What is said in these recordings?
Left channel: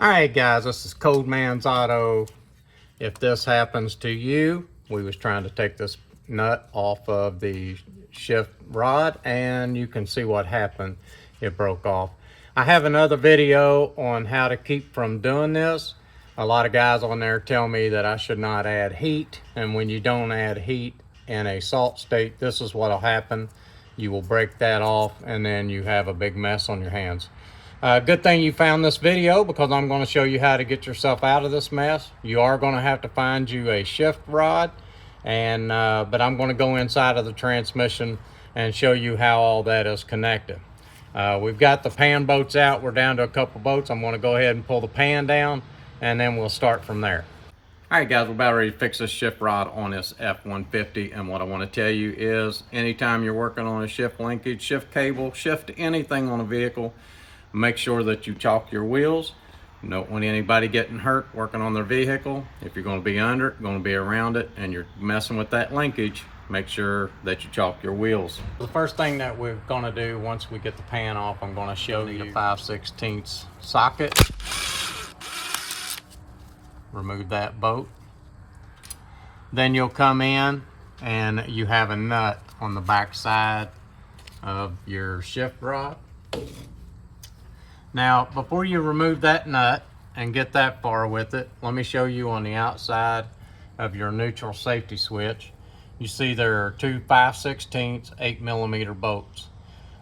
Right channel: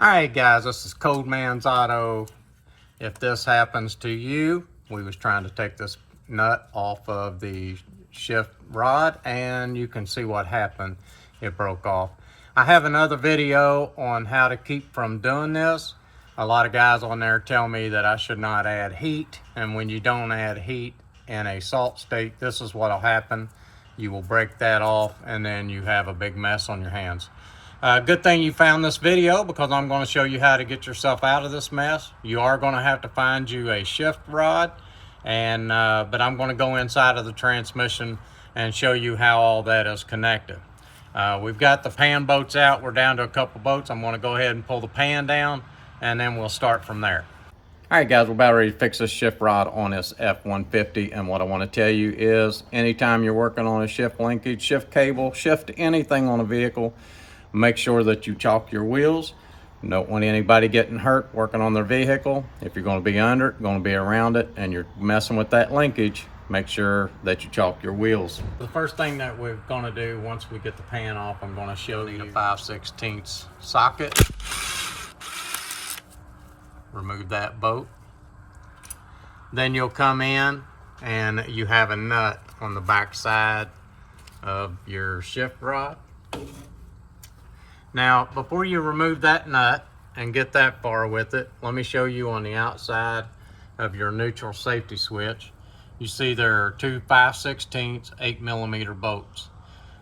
All right, guys, this is Code Man's Auto. If this happens to you, we was trying to take this nut off of the shift rod, and you can see what happened. It broke off. I have another video on how to keep from doing this. A lot of guys on there tell me that I should not add heat, and when you don't add heat in a salt state, this is what'll happen. You will break that off, and then you have a big mess on your hands. Good thing you found this video, because I'm going to show you how to get yourself out of this mess. You are going to have to find you a shift rod, and but I'm going to go inside of the transmission and show you how all that is connected. We've got the pan boats out. We're down to a couple boats. I'm going to go ahead and pull the pan down, and then we'll start from there. All right, guys, we're about ready to fix this shift rod on this F-150, and what I want to tell you is anytime you're working on a shift linkage, shift cable, shift anything on a vehicle, make sure that you chalk your wheels. You don't want anybody getting hurt working on their vehicle. If you're going to be under it, going to be around it, and you're messing with that linkage, make sure that you chalk your wheels. The first thing that we're going to do once we get the pan off, I'm going to show you the 5/16 socket. Remove that bolt. Then you'll come in and you have a nut on the back side of your shift rod. Now, before you remove that nut and get that far with it, let me show you on the outside of your neutral safety switch. You see there are two 5/16 8mm bolts.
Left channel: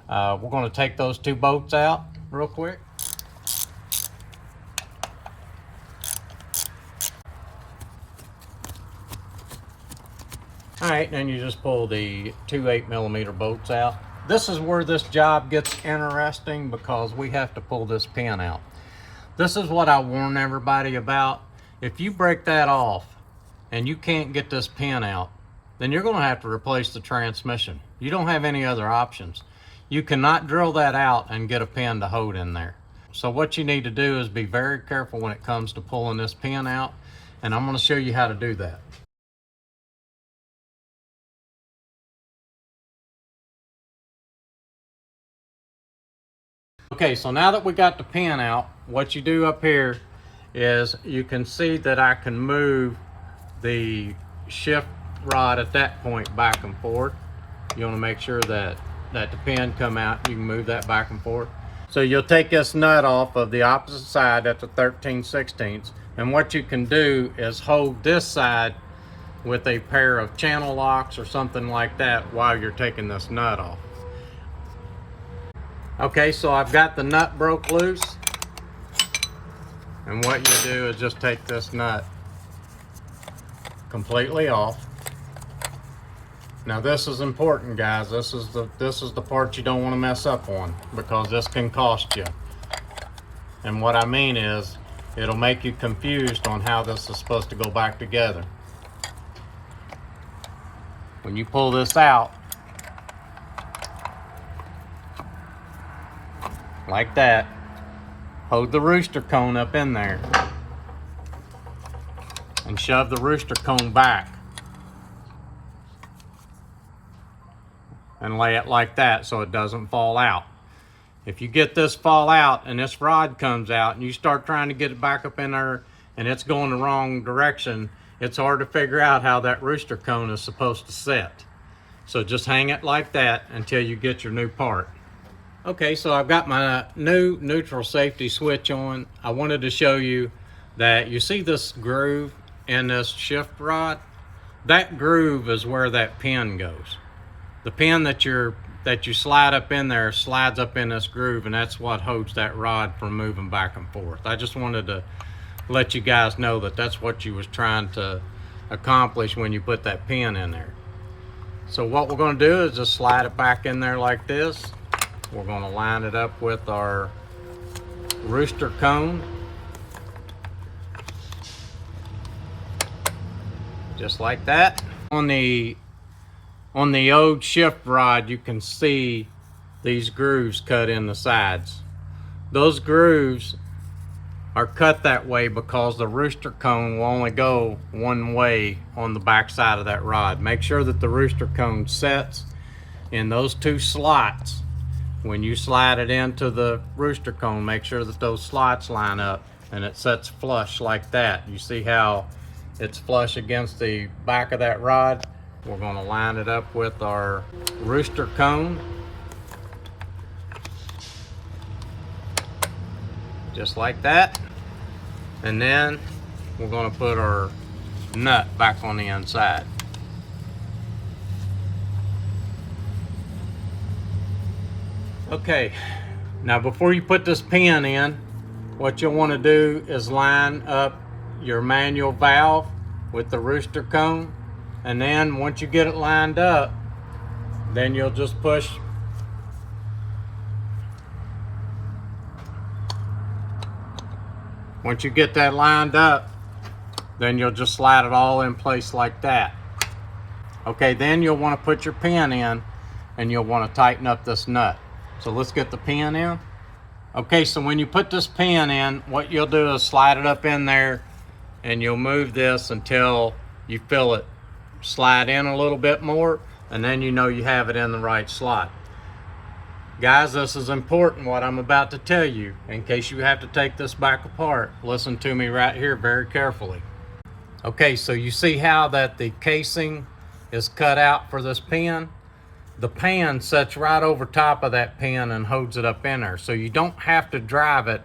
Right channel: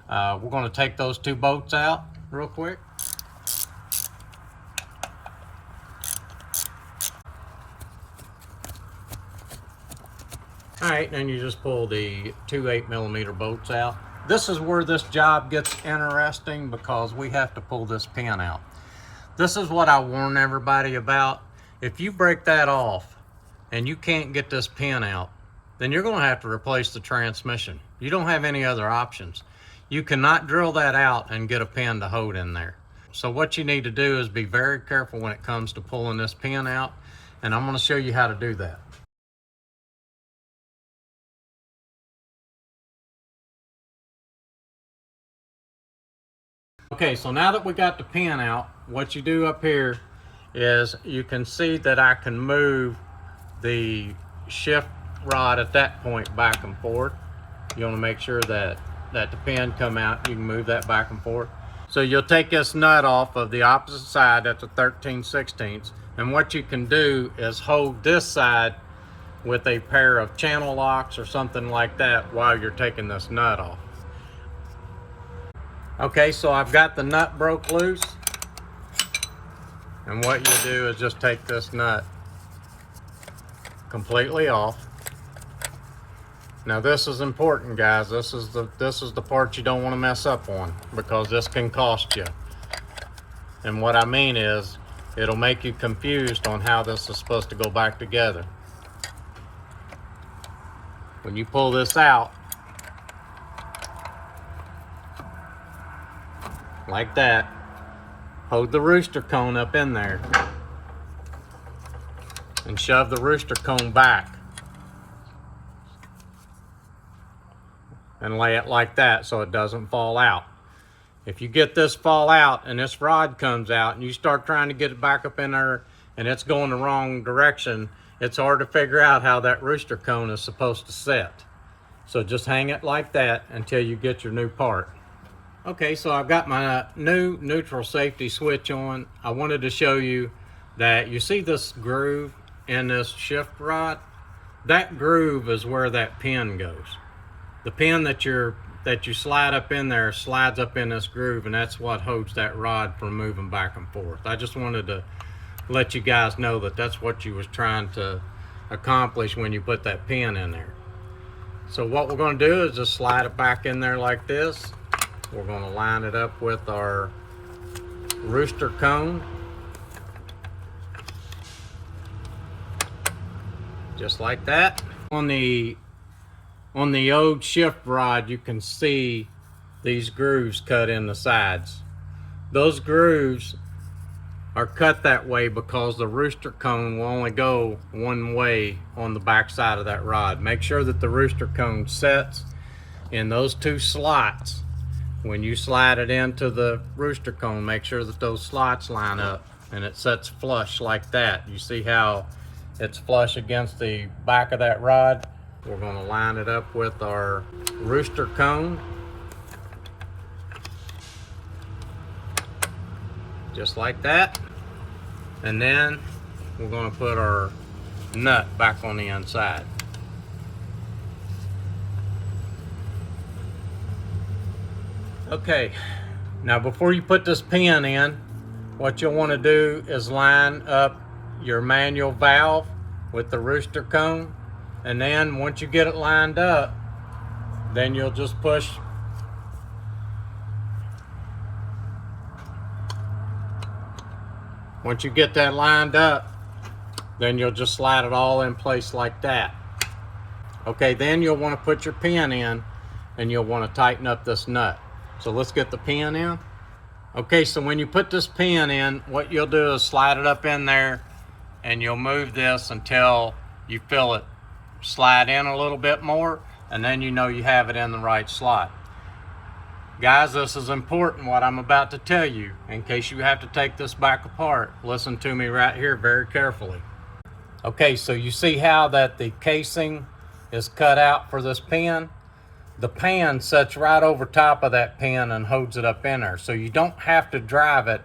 We're going to take those two bolts out real quick. All right, then you just pull the two 8mm bolts out. This is where this job gets interesting, because we have to pull this pin out. This is what I warn everybody about. If you break that off and you can't get this pin out, then you're going to have to replace the transmission. You don't have any other options. You cannot drill that out and get a pin to hold in there. So what you need to do is be very careful when it comes to pulling this pin out, and I'm going to show you how to do that. Okay, so now that we got the pin out, what you do up here is you can see that I can move the shift rod at that point back and forth. You want to make sure that the pin come out. You can move that back and forth. So you'll take this nut off of the opposite side at the 13/16, and what you can do is hold this side with a pair of channel locks or something like that while you're taking this nut off. Okay, so I've got the nut broke loose, and what you do is just take this nut completely off. Now this is important, guys. This is the part you don't want to mess up on, because this can cost you. And what I mean is, it'll make you confused on how this is supposed to go back together. When you pull this out, like that, hold the rooster cone up in there and shove the rooster cone back and lay it like that so it doesn't fall out. If you get this fall out and this rod comes out and you start trying to get it back up in there and it's going the wrong direction, it's hard to figure out how that rooster cone is supposed to set. So just hang it like that until you get your new part. Okay, so I've got my new neutral safety switch on. I wanted to show you that you see this groove in this shift rod. That groove is where that pin goes. The pin that you slide up in there slides up in this groove, and that's what holds that rod from moving back and forth. I just wanted to let you guys know that that's what you was trying to accomplish when you put that pin in there. So what we're going to do is just slide it back in there like this. We're going to line it up with our rooster cone, just like that. On the old shift rod, you can see these grooves cut in the sides. Those grooves are cut that way because the rooster cone will only go one way on the back side of that rod. Make sure that the rooster cone sets in those two slots. When you slide it into the rooster cone, make sure that those slots line up and it sets flush like that. You see how it's flush against the back of that rod? We're going to line it up with our rooster cone, just like that. And then we're going to put our nut back on the inside. Okay, now before you put this pin in, what you'll want to do is line up your manual valve with the rooster cone, and then once you get it lined up, then you'll just push once you get that lined up, then you'll just slide it all in place like that. Okay, then you'll want to put your pin in, and you'll want to tighten up this nut. So let's get the pin in. Okay, so when you put this pin in, what you'll do is slide it up in there, and you'll move this until you feel it slide in a little bit more, and then you know you have it in the right slot. Guys, this is important what I'm about to tell you. In case you have to take this back apart, listen to me right here very carefully. Okay, so you see how that the casing is cut out for this pin? The pan sits right over top of that pin and holds it up in there. So you don't have to drive it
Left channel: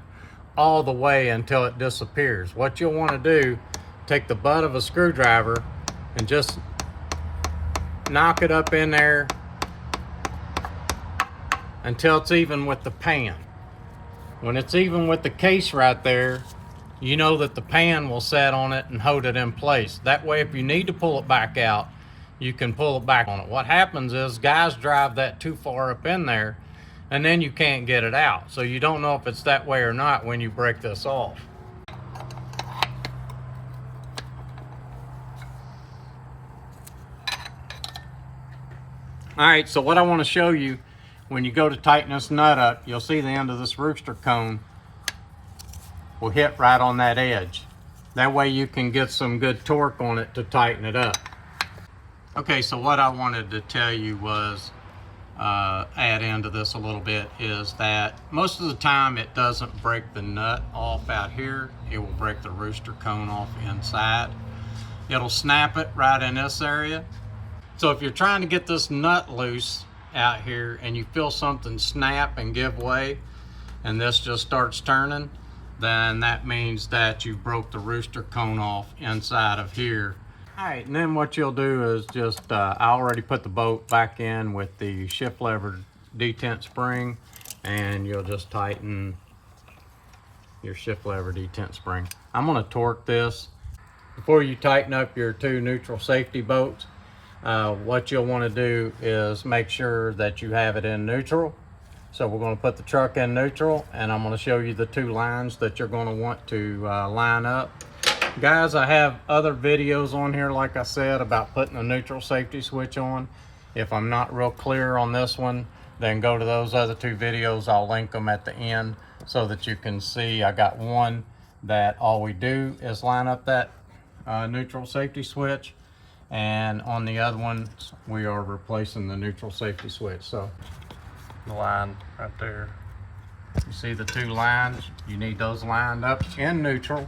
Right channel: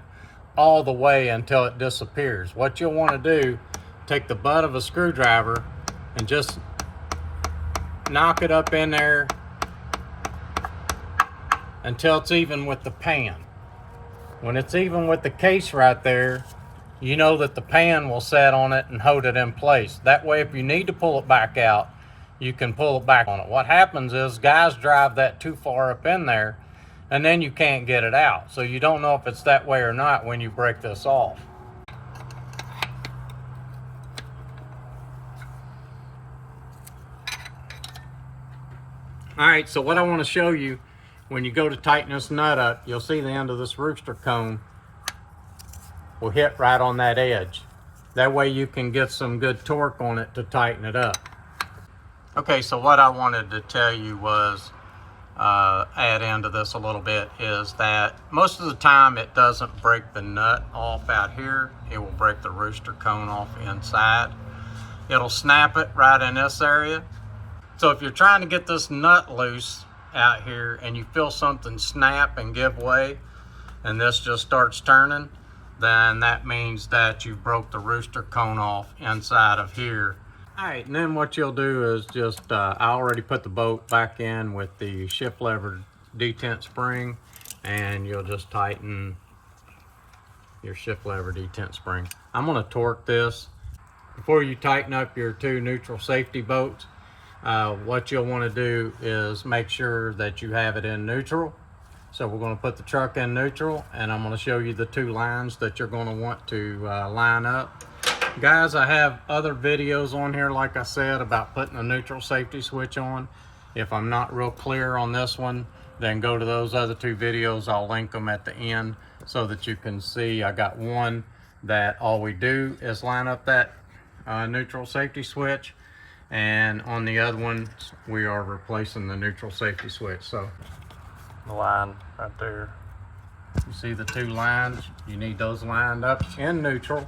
all the way until it disappears. What you'll want to do, take the butt of a screwdriver and just knock it up in there until it's even with the pan. When it's even with the case right there, you know that the pan will set on it and hold it in place. That way, if you need to pull it back out, you can pull it back on it. What happens is guys drive that too far up in there, and then you can't get it out. So you don't know if it's that way or not when you break this off. All right, so what I want to show you, when you go to tighten this nut up, you'll see the end of this rooster cone will hit right on that edge. That way you can get some good torque on it to tighten it up. Okay, so what I wanted to tell you was, add into this a little bit, is that most of the time it doesn't break the nut off out here. It will break the rooster cone off inside. It'll snap it right in this area. So if you're trying to get this nut loose out here and you feel something snap and give way, and this just starts turning, then that means that you broke the rooster cone off inside of here. All right, and then what you'll do is just, I already put the bolt back in with the shift lever detent spring, and you'll just tighten your shift lever detent spring. I'm gonna torque this. Before you tighten up your two neutral safety bolts, what you'll wanna do is make sure that you have it in neutral. So we're gonna put the truck in neutral, and I'm gonna show you the two lines that you're gonna want to line up. Guys, I have other videos on here, like I said, about putting a neutral safety switch on. If I'm not real clear on this one, then go to those other two videos. I'll link them at the end so that you can see. I got one that all we do is line up that neutral safety switch, and on the other one, we are replacing the neutral safety switch. So the line right there, you see the two lines? You need those lined up in neutral.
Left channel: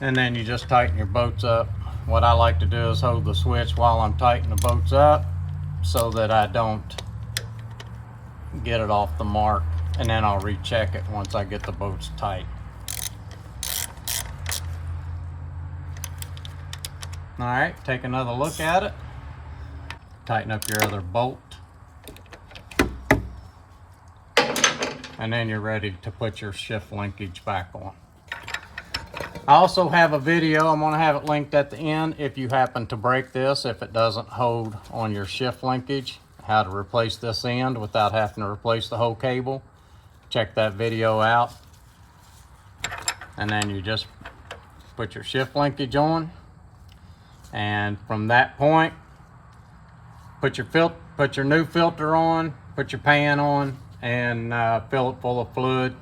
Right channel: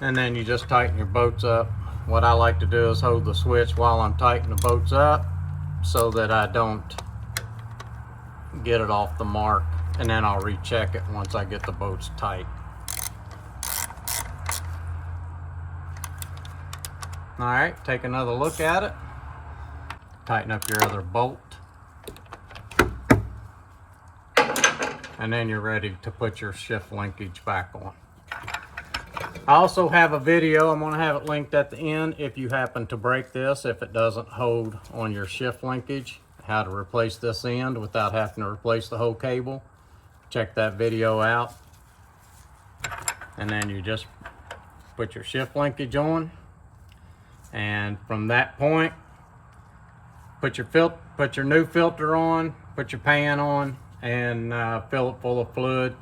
And then you just tighten your bolts up. What I like to do is hold the switch while I'm tightening the bolts up so that I don't get it off the mark, and then I'll recheck it once I get the bolts tight. All right, take another look at it. Tighten up your other bolt. And then you're ready to put your shift linkage back on. I also have a video, I'm gonna have it linked at the end, if you happen to break this, if it doesn't hold on your shift linkage, how to replace this end without having to replace the whole cable. Check that video out. And then you just put your shift linkage on. And from that point, put your new filter on, put your pan on, and fill it full of fluid.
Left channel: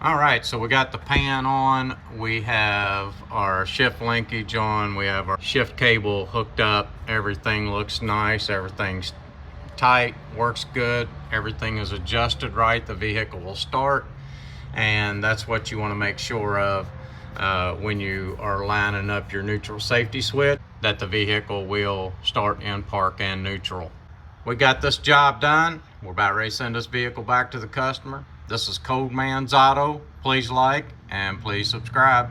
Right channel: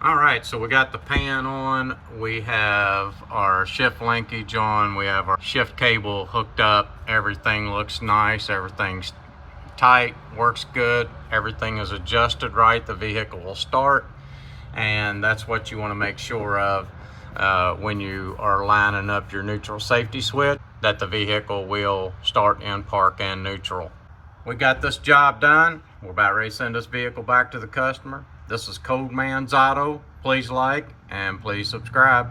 All right, so we got the pan on, we have our shift linkage on, we have our shift cable hooked up, everything looks nice, everything's tight, works good, everything is adjusted right, the vehicle will start. and that's what you want to make sure of when you are lining up your neutral safety switch, that the vehicle will start in park and neutral. We got this job done. We're about ready to send this vehicle back to the customer. This is Cold Man's Auto. Please like and please subscribe.